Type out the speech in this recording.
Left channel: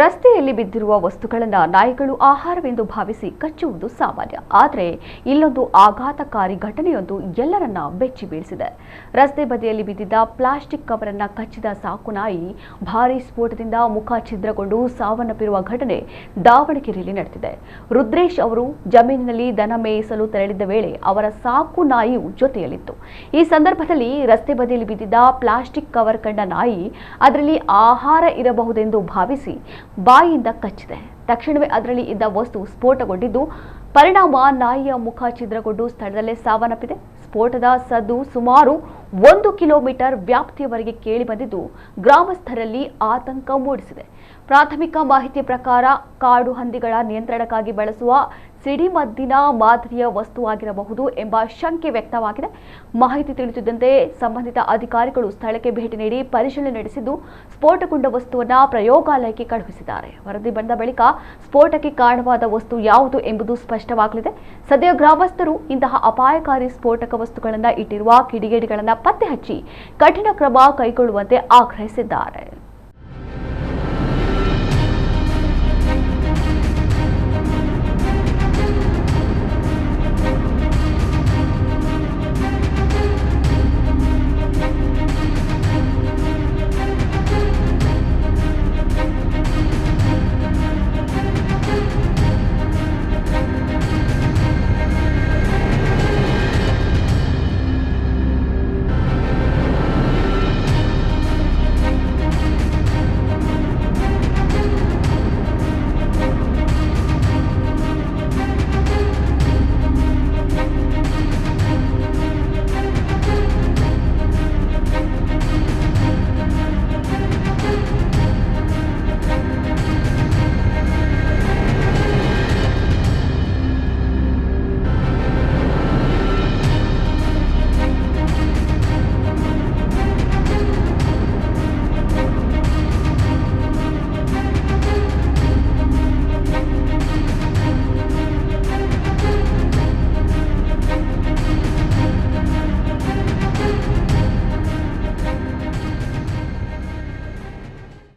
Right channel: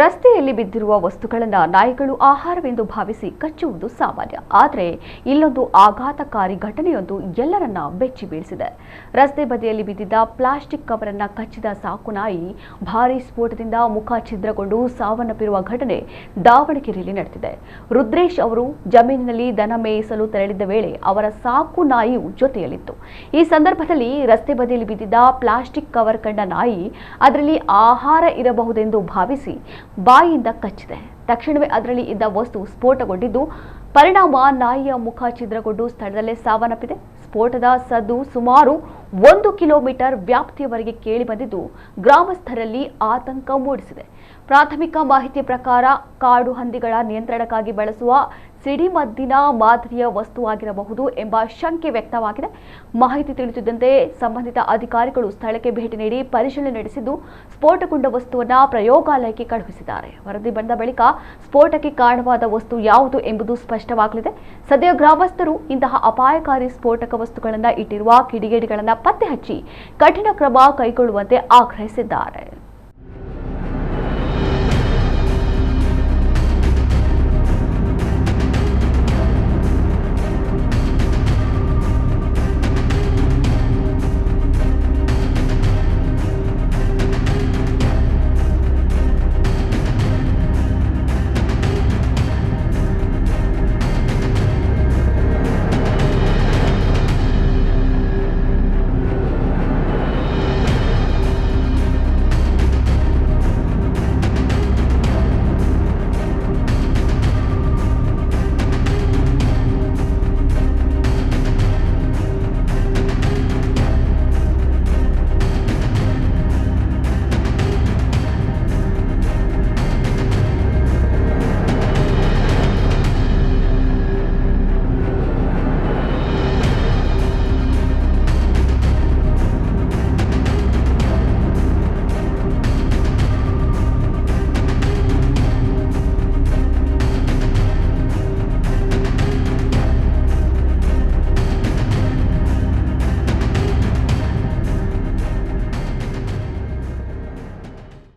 ರಸ್ತೆಯಲ್ಲಿ ಬಿದ್ದಿರುವ ವಸ್ತುಗಳನ್ನು ನಾಯಿಗಳು ಆಹಾರವೆಂದು ಭಾವಿಸಿ ಕಚ್ಚುವುದು ಸಾಮಾನ್ಯ. ಆದರೆ ಇಲ್ಲೊಂದು ಆಘಾತಕಾರಿ ಘಟನೆಯೊಂದು ಎಲ್ಲರನ್ನ ಬೆಚ್ಚಿ ಬೀಳಿಸಿದೆ. ರಸ್ತೆ ಬದಿಯಲ್ಲಿ ಬಿದ್ದಿದ್ದ ಪ್ಲಾಸ್ಟಿಕ್ ಕವರನ್ನ ಕಚ್ಚಿದ ಸಾಕು ನಾಯಿ ಭಾರೀ ಸ್ಫೋಟದಿಂದ ಮುಖ ಛಿದ್ರಗೊಂಡು ಸಾವನ್ನಪ್ಪಿರುವ ಘಟನೆ ದಾವಣಗೆರೆಯಲ್ಲಿ ನಡೆದಿದೆ. ರುದ್ರೇಶ್ ಅವರು ಜಮೀನಿನಲ್ಲಿ ದನ ಮೇಯಿಸಲು ತೆರಳಿದ್ದ ವೇಳೆ ಅವರ ಸಾಕು ನಾಯಿಯು ಜೊತೆಯಲ್ಲಿತ್ತು. ಈ ಸಂದರ್ಭದಲ್ಲಿ ರಸ್ತೆ ಬದಿಯಲ್ಲಿ ಬಿದ್ದಿದ್ದ ಪ್ಲಾಸ್ಟಿಕ್ ಕವರ್ ಕಂಡ ನಾಯಿ ಅದರಲ್ಲಿ ಆಹಾರ ಇರಬಹುದೆಂದು ಭಾವಿಸಿ ಬಾಯಿಯಿಂದ ಕಚ್ಚಿದೆ. ತಕ್ಷಣವೇ ಅದರಲ್ಲಿ ಇದ್ದ ವಸ್ತು ಸ್ಫೋಟಗೊಂಡಿದ್ದು ಪರಿಣಾಮ ನಾಯಿಯ ಮುಖ ಛಿದ್ರಗೊಂಡು ಸ್ಥಳದಲ್ಲೇ ಸಾವನ್ನಪ್ಪಿದೆ. ಸ್ಫೋಟದ ಸದ್ದು ಸುಮಾರು 1 ಕಿಲೋಮೀಟರ್ ವ್ಯಾಪ್ತಿಯವರೆಗೆ ಕೇಳಿ ಬಂದಿದ್ದು ಗ್ರಾಮಸ್ಥರಲ್ಲಿ ಆತಂಕ ಮೂಡಿಸಿದೆ. ಪ್ರಾಥಮಿಕ ಮಾಹಿತಿ ಪ್ರಕಾರ ಕಾಡು ಹಂದಿಗಳ ನಿಯಂತ್ರಣಕ್ಕಾಗಿ ಬಳಸುವ ಸಿಡಿಮದ್ದಿನ ಮಾದರಿಯ ವಸ್ತುವಾಗಿರಬಹುದು ಎಂಬ ಶಂಕೆ ವ್ಯಕ್ತವಾಗಿದೆ. ಮಾಹಿತಿ ತಿಳಿಸಿದಂತೆ ಸಂಬಂಧಿತ ಅಧಿಕಾರಿಗಳು ಸ್ಥಳಕ್ಕೆ ಭೇಟಿ ನೀಡಿ ಪರಿಶೀಲನೆ ನಡೆಸಿದ್ದು ಸ್ಫೋಟಗೊಂಡ ವಸ್ತುವನ್ನು ಪ್ರಯೋಗಾಲಯಕ್ಕೆ ಕಳುಹಿಸಿದ್ದಾರೆ. ವರದಿ ಬಂದ ಬಳಿಕ ಸ್ಫೋಟಕ್ಕೆ ಕಾರಣವಾದ ವಸ್ತು ಯಾವುದು ಎಂಬುದು ಸ್ಪಷ್ಟವಾಗಲಿದೆ. ಸದ್ಯ ಗ್ರಾಮಸ್ಥರು ಇಂತಹ ಅಪಾಯಕಾರಿ ಸ್ಫೋಟಕ ವಸ್ತುಗಳನ್ನು ಇಟ್ಟಿರುವ ಕಿಡಿಗೇಡಿಗಳನ್ನು ಪತ್ತೆ ಹಚ್ಚಿ ಕಠಿಣ ಕ್ರಮ ಕೈಗೊಳ್ಳುವಂತೆ ಆಗ್ರಹಿಸಿದ್ದಾರೆ.